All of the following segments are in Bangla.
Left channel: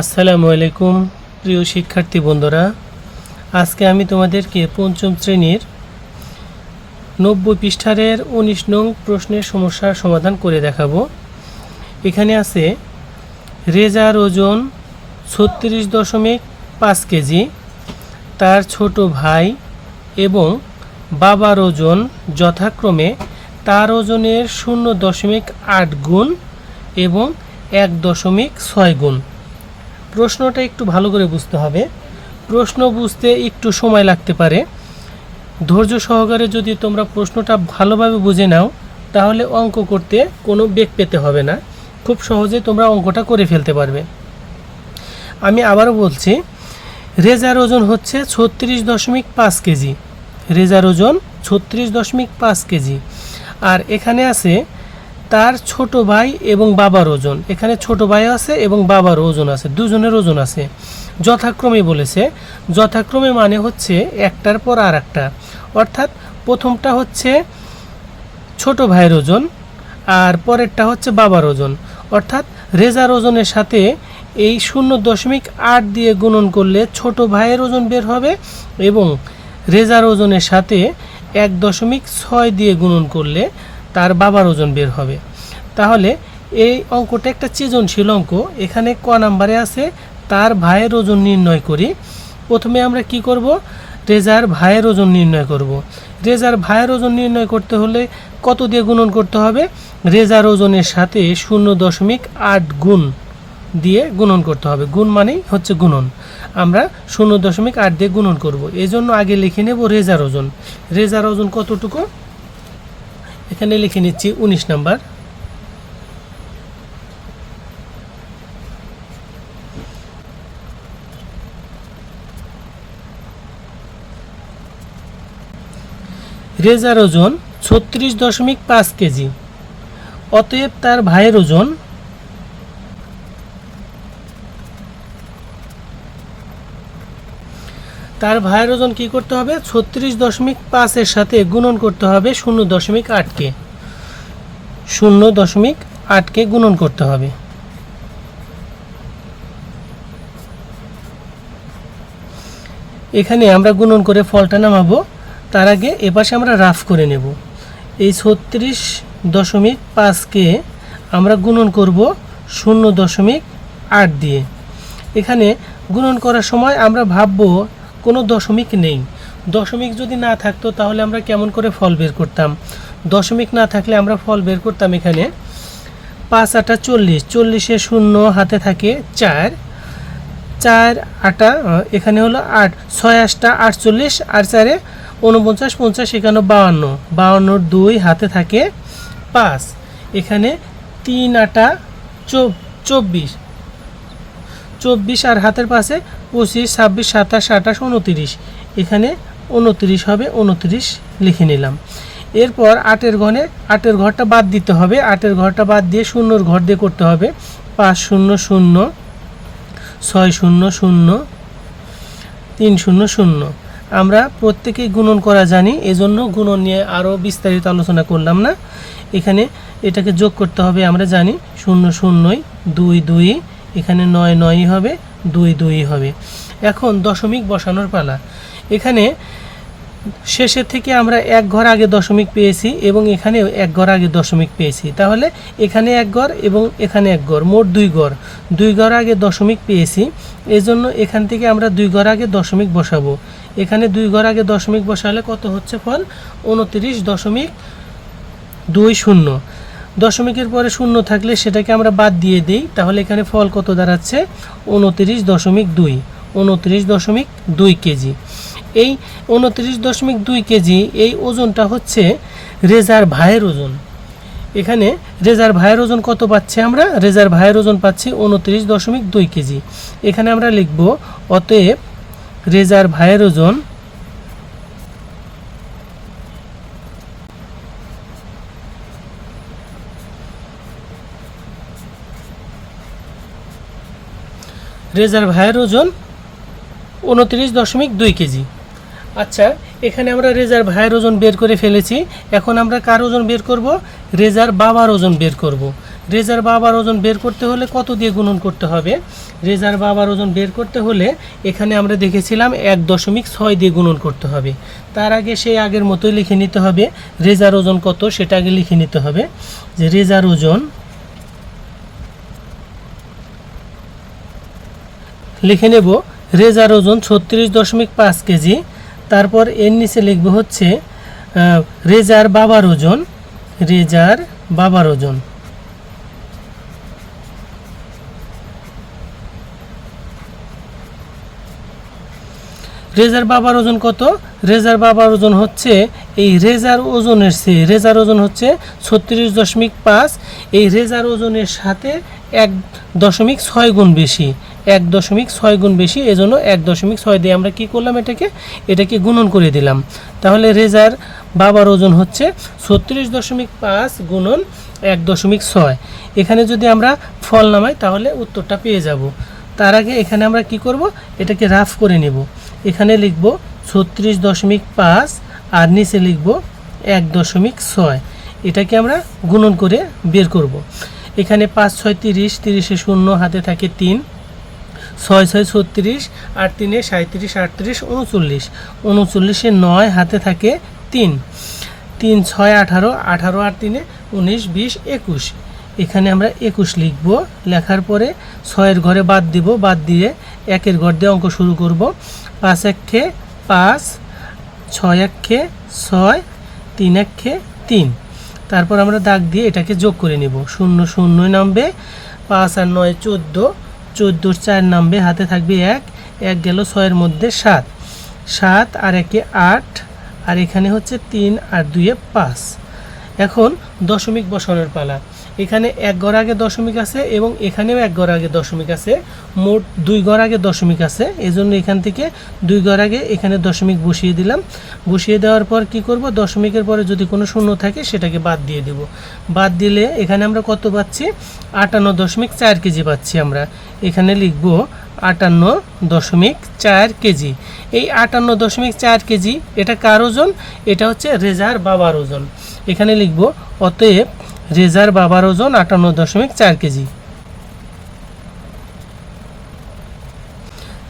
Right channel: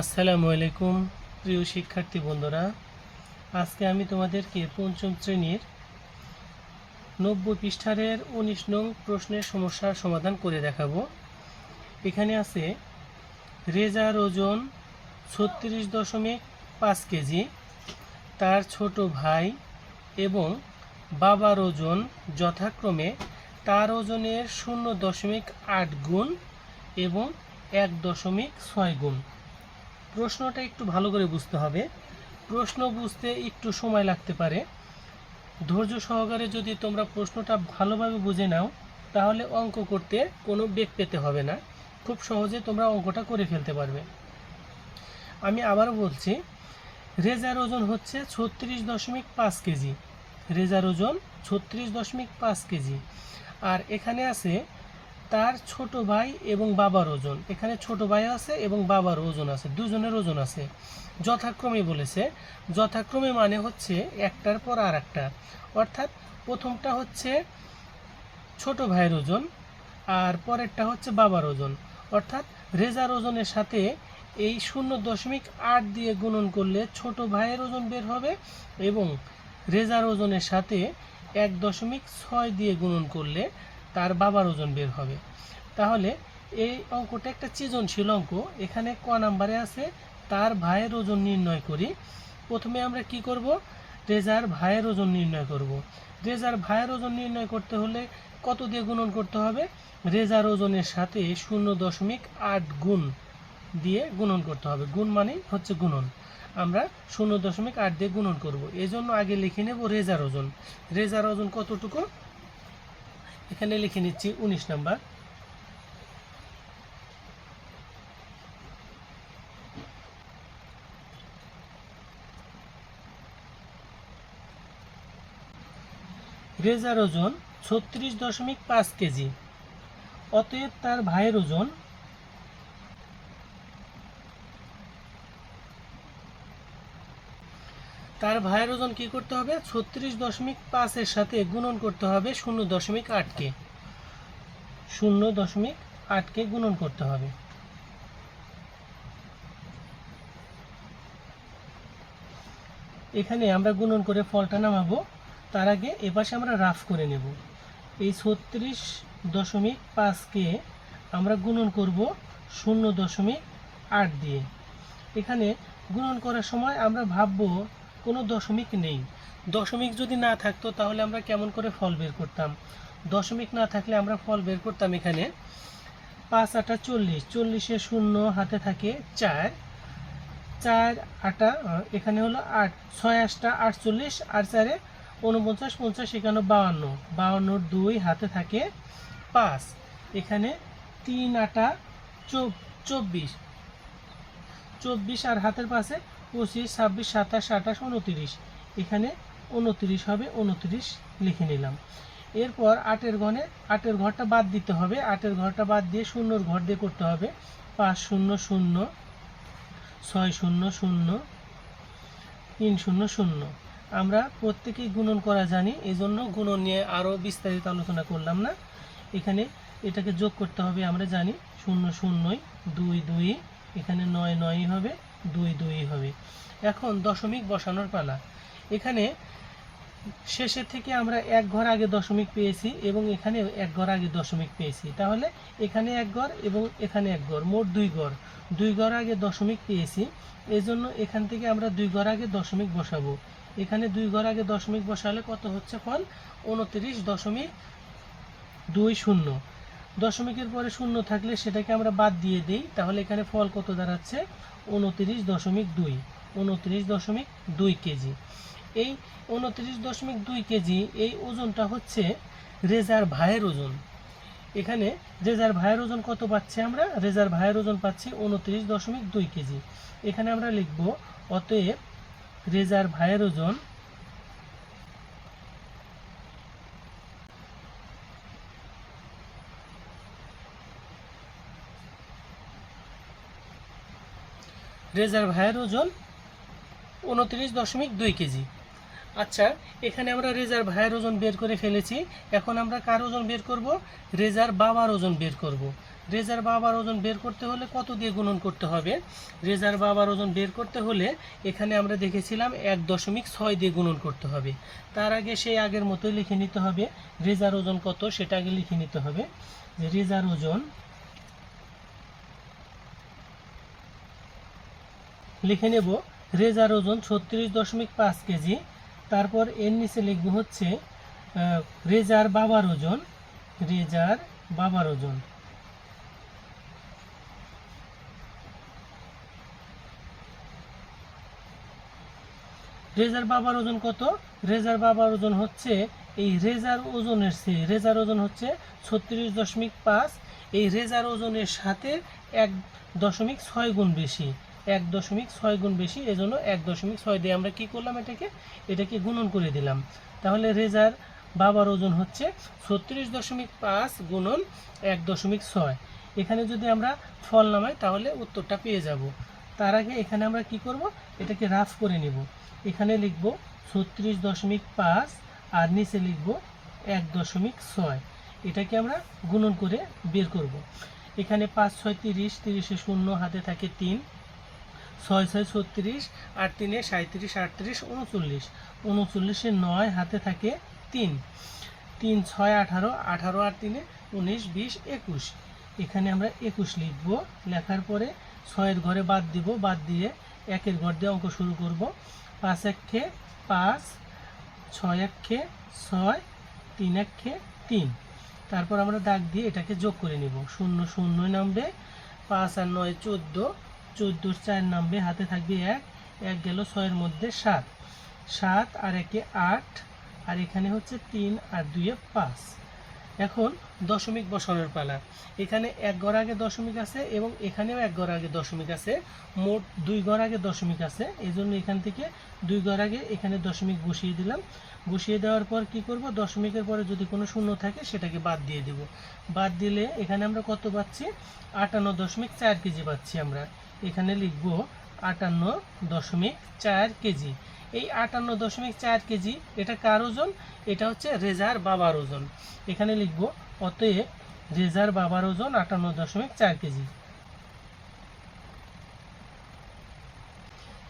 আসসালামু আলাইকুম প্রিয় শিক্ষার্থী বন্ধুরা, আজকে আমি তোমাদেরকে পঞ্চম শ্রেণীর 90 পৃষ্ঠার 19 নং প্রশ্নের সমস্যার সমাধান করে দেখাবো। এখানে আছে রেজার ওজন 36.5 কেজি, তার ছোট ভাই এবং বাবার ওজন যথাক্রমে তার ওজনের 0.8 গুণ এবং 1.6 গুণ। প্রশ্নটা একটু ভালো করে বুঝতে হবে। প্রশ্ন বুঝতে একটু সময় লাগতে পারে। ধৈর্য সহকারে যদি তোমরা প্রশ্নটা ভালোভাবে বুঝে নাও তাহলে অঙ্ক করতে কোনো বেগ পেতে হবে না, খুব সহজে তোমরা অঙ্কটা করে ফেলতে পারবে। আমি আবারও বলছি, রেজার ওজন হচ্ছে 36.5 কেজি। রেজার ওজন 36.5 কেজি। আর এখানে আছে তার ছোট ভাই এবং বাবার ওজন। এখানে ছোট ভাই আছে এবং বাবার ওজন আছে, দুজনের ওজন আছে। যথাক্রমে বলেছে, যথাক্রমে মানে হচ্ছে একটার পর আর একটা, অর্থাৎ প্রথমটা হচ্ছে ছোট ভাইয়ের ওজন আর পরেরটা হচ্ছে বাবার ওজন। অর্থাৎ রেজার ওজনের সাথে এই 0.8 দিয়ে গুণন করলে ছোট ভাইয়ের ওজন বের হবে এবং রেজার ওজনের সাথে 1.6 দিয়ে গুণন করলে তার বাবার ওজন বের হবে। তাহলে এই অঙ্কটা একটা সৃজনশীল অঙ্ক। এখানে ক নাম্বারে আছে তার ভাইয়ের ওজন নির্ণয় করি। প্রথমে আমরা কি করব, রেজার ভাইয়ের ওজন নির্ণয় করব। রেজার ভাইয়ের ওজন নির্ণয় করতে হলে কত দিয়ে গুণন করতে হবে? রেজার ওজনের সাথে 0.8 গুণ দিয়ে গুণন করতে হবে। গুণ মানেই হচ্ছে গুণন। আমরা 0.8 দিয়ে গুণন করব। এই জন্য আগে লিখে নেব রেজার ওজন। রেজার ওজন কতটুকু এখানে লিখে নিচ্ছি 19 নাম্বার। রেজার ওজন 36.5 কেজি। অতএব তার ভাইয়ের ওজন কি করতে হবে? 36.5 এর সাথে গুণন করতে হবে 0.8 কে। 0.8 কে গুণন করতে হবে। এখানে আমরা গুণন করে ফলটা নামাবো। তার আগে এপাশে আমরা রাফ করে নেব। এই 36.5 কে আমরা গুণন করব 0.8 দিয়ে। এখানে গুণন করার সময় আমরা ভাববো কোনো দশমিক নেই। দশমিক যদি না থাকতো তাহলে আমরা কেমন করে ফল বের করতাম? দশমিক না থাকলে আমরা ফল বের করতাম এখানে 5 8 40, 40-এ 0 হাতে থাকে 4, 4 8 এখানে হলো 8, 6 8 48 আর 4-এ 49, 50 51 52, 52-এর 2 হাতে থাকে 5, এখানে 3 8 24, 24 আর হাতের পাশে 25 26 27 28 29, এখানে 29 হবে, 29 লিখে নিলাম। এরপর 8-এর ঘরে 8-এর ঘরটা বাদ দিতে হবে। 8-এর ঘরটা বাদ দিয়ে 0-এর ঘর দিয়ে করতে হবে। 5 0 0 6 0 0 3 0 0। আমরা প্রত্যেকেই গুণন করা জানি, এজন্য গুণন নিয়ে আরও বিস্তারিত আলোচনা করলাম না। এখানে এটাকে যোগ করতে হবে, আমরা জানি 0 0 2 2, এখানে 9 9 হবে, 2 2 হবে। এখন দশমিক বসানোর পালা। এখানে শেষের থেকে আমরা এক ঘর আগে দশমিক পেয়েছি এবং এখানে এক ঘর আগে দশমিক পেয়েছি। তাহলে এখানে এক ঘর এবং এখানে এক ঘর, মোট 2 ঘর। 2 ঘর আগে দশমিক পেয়েছি, এজন্য এখান থেকে আমরা 2 ঘর আগে দশমিক বসাবো। এখানে 2 ঘর আগে দশমিক বসালে কত হচ্ছে ফল? 29.20। দশমিকের পরে 0 থাকলে সেটাকে আমরা বাদ দিয়ে দিই, তাহলে এখানে ফল কত দাঁড়াচ্ছে? 29.2। 29.2 কেজি। এই 29.2 কেজি এই ওজনটা হচ্ছে রেজার ভাইয়ের ওজন। এখানে রেজার ভাইয়ের ওজন কত পাচ্ছি আমরা? রেজার ভাইয়ের ওজন পাচ্ছি 29.2 কেজি। এখানে আমরা লিখব অতএব রেজার ভাইয়ের ওজন রেজার ভাইয়ের ওজন 29.2 কেজি। আচ্ছা, এখানে আমরা রেজার ভাইয়ের ওজন বের করে ফেলেছি। এখন আমরা কার ওজন বের করব? রেজার বাবার ওজন বের করব। রেজার বাবার ওজন বের করতে হলে কত দিয়ে গুণন করতে হবে? রেজার বাবার ওজন বের করতে হলে এখানে আমরা দেখেছিলাম 1.6 দিয়ে গুণন করতে হবে। তার আগে সেই আগের মতোই লিখে নিতে হবে রেজার ওজন কত সেটা আগে লিখে নিতে হবে, যে রেজার ওজন লিখে নেব রেজার ওজন 36.5 কেজি। তারপর এর নিচে লিখব হচ্ছে রেজার বাবার ওজন, রেজার বাবার ওজন। রেজার বাবার ওজন কত? রেজার বাবার ওজন হচ্ছে এই রেজার ওজনের চেয়ে, রেজার ওজন হচ্ছে 36.5, এই রেজার ওজনের সাথে 1.6 গুণ বেশি, 1.6 গুণ বেশি, এজন্য 1.6 দিয়ে আমরা কি করলাম, এটাকে গুণন করে দিলাম। তাহলে রেজার বাবার ওজন হচ্ছে 36.5 গুণন 1.6। এখানে যদি আমরা ফল নামাই তাহলে উত্তরটা পেয়ে যাব। তার আগে এখানে আমরা কি করব, এটাকে রাফ করে নেব। এখানে লিখব 36.5 আর নিচে লিখব 1.6, এটাকে আমরা গুণন করে বের করব। এখানে 5 6 30, 30 শূন্য, হাতে থাকে 3, 6 6 36, 8 3 37, 38 39, 39 9, হাতে থাকে 3, 3 6 18, 18 আর 3 19 20 21। এখানে আমরা 21 লিখব। লেখার পরে 6-এর ঘরে বাদ দিব, বাদ দিয়ে 1-এর ঘর দিয়ে অঙ্ক শুরু করব। 5 1 5, 6 1 6, 3 1 3। তারপর আমরা দাগ দিয়ে এটাকে যোগ করে নেব। 0 0 নামবে, 5 আর 9 14, 14 4 নামবে, হাতে থাকবে 1, 1 গেল 6-এর মধ্যে 7, 7 আর 1 8, আর এখানে হচ্ছে 3 আর 2 5। এখন দশমিক বসানোর পালা। এখানে 1 ঘর আগে দশমিক আছে এবং এখানেও 1 ঘর আগে দশমিক আছে, মোট 2 ঘর আগে দশমিক আছে। এজন্য এখান থেকে 2 ঘর আগে এখানে দশমিক বসিয়ে দিলাম। বসিয়ে দেওয়ার পর কি করব, দশমিকের পরে যদি কোনো শূন্য থাকে সেটাকে বাদ দিয়ে দেব। বাদ দিলে এখানে আমরা কত পাচ্ছি, 58.4 কেজি পাচ্ছি। আমরা এখানে লিখব 58.4 কেজি। এই 58.4 কেজি এটা কার ওজন? এটা হচ্ছে রেজার বাবার ওজন। এখানে লিখব অতএব রেজার বাবার ওজন 58.4 কেজি।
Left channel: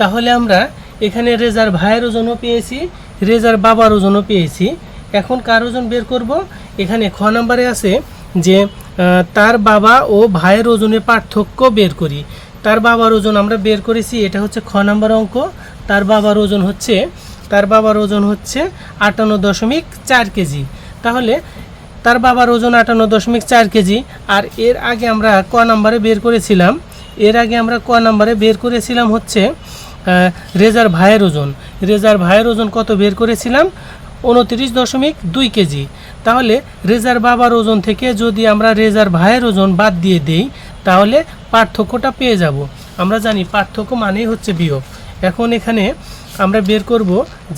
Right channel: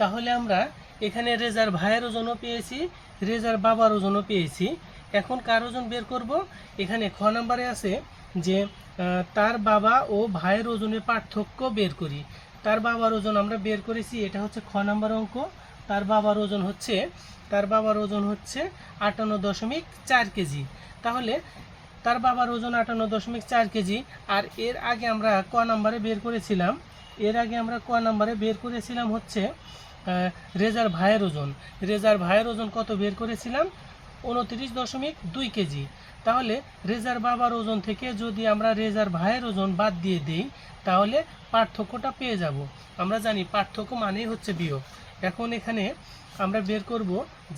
তাহলে আমরা এখানে রেজার ভাইয়ের ওজনও পেয়েছি, রেজার বাবার ওজনও পেয়েছি। এখন কার ওজন বের করব? এখানে খ নম্বরে আছে যে তার বাবা ও ভাইয়ের ওজনের পার্থক্য বের করি। তার বাবার ওজন আমরা বের করেছি, এটা হচ্ছে খ নম্বর অঙ্ক। তার বাবার ওজন হচ্ছে 58.4 কেজি। তাহলে তার বাবার ওজন 58.4 কেজি। আর এর আগে আমরা ক নাম্বারে বের করেছিলাম, হচ্ছে রেজার ভাইয়ের ওজন। রেজার ভাইয়ের ওজন কত বের করেছিলাম? 29.2 কেজি। তাহলে রেজার বাবার ওজন থেকে যদি আমরা রেজার ভাইয়ের ওজন বাদ দিয়ে দেই তাহলে পার্থক্যটা পেয়ে যাব। আমরা জানি পার্থক্য মানেই হচ্ছে বিয়োগ। এখন এখানে আমরা বের করব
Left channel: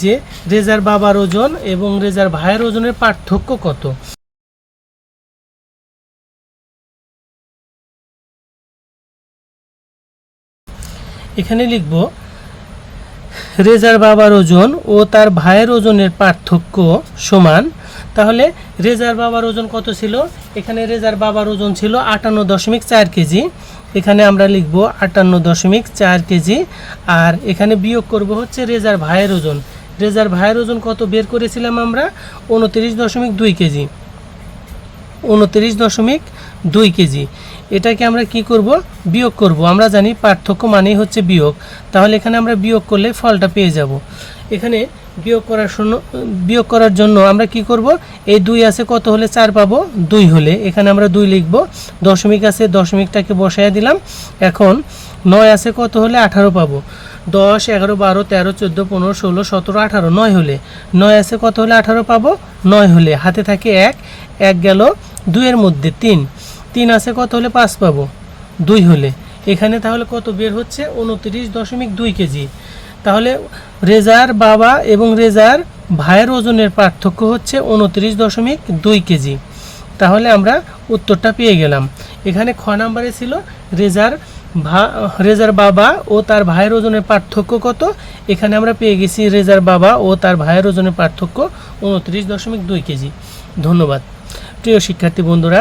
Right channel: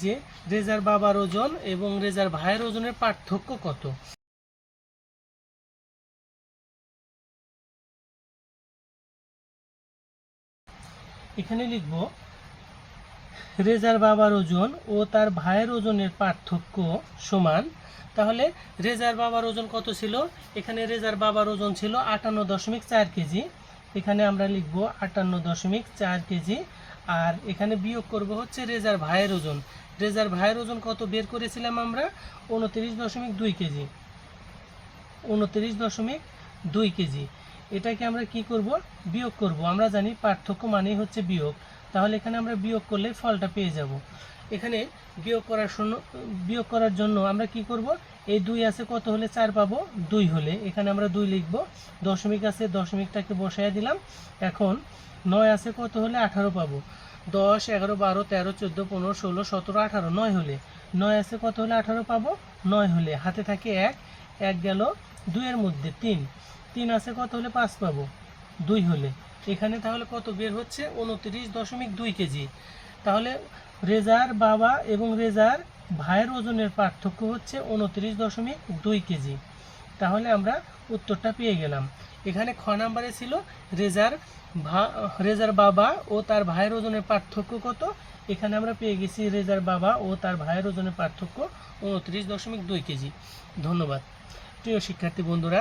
যে রেজার বাবার ওজন এবং রেজার ভাইয়ের ওজনের পার্থক্য কত। এখানে লিখব রেজার বাবার ওজন ও তার ভাইয়ের ওজনের পার্থক্য সমান। তাহলে রেজার বাবার ওজন কত ছিল? এখানে রেজার বাবার ওজন ছিল 58.4 কেজি। এখানে আমরা লিখব 58.4 কেজি। আর এখানে বিয়োগ করব হচ্ছে রেজার ভাইয়ের ওজন। রেজার ভাইয়ের ওজন কত বের করেছিলাম আমরা? 29.2 কেজি। 29.2 কেজি। এটাকে আমরা কি করব? বিয়োগ করব। আমরা জানি পার্থক্য মানেই হচ্ছে বিয়োগ। তাহলে এখানে আমরা বিয়োগ করলে ফলটা পেয়ে যাব। এখানে বিয়োগ করার জন্য আমরা কি করব, এই 2 আছে কত হলে 4 পাবো? 2 হলে। এখানে আমরা 2 লিখব। দশমিক আছে, দশমিকটাকে বসায় দিলাম। এখন 9 আছে কত হলে 18 পাবো? 10 11 12 13 14 15 16 17 18, 9 হলে। 9 আছে কত হলে 18 পাবো? 9 হলে। হাতে থাকে 1, 1 গেল 2 এর মধ্যে 3, 3 আছে কত হলে 5 পাবো? 2 হলে। এখানে তাহলে কত বের হচ্ছে? 29.2 কেজি। তাহলে রেজার বাবা এবং রেজার ভাইয়ের ওজনের পার্থক্য হচ্ছে 29.2 কেজি। তাহলে আমরা উত্তরটা পেয়ে গেলাম। এখানে খ নাম্বারে ছিল রেজার বাবা ও তার ভাইয়ের ওজনের পার্থক্য কত। এখানে আমরা পেয়ে গেছি রেজার বাবা ও তার ভাইয়ের ওজনের পার্থক্য 29.2 কেজি। ধন্যবাদ। প্রিয় শিক্ষার্থী বন্ধুরা,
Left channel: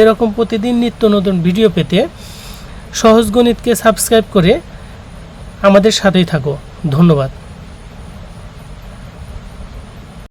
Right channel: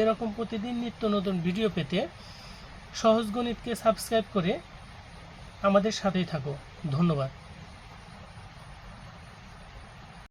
এরকম প্রতিদিন নিত্য নতুন ভিডিও পেতে সহজ গণিতকে সাবস্ক্রাইব করে আমাদের সাথেই থাকো। ধন্যবাদ।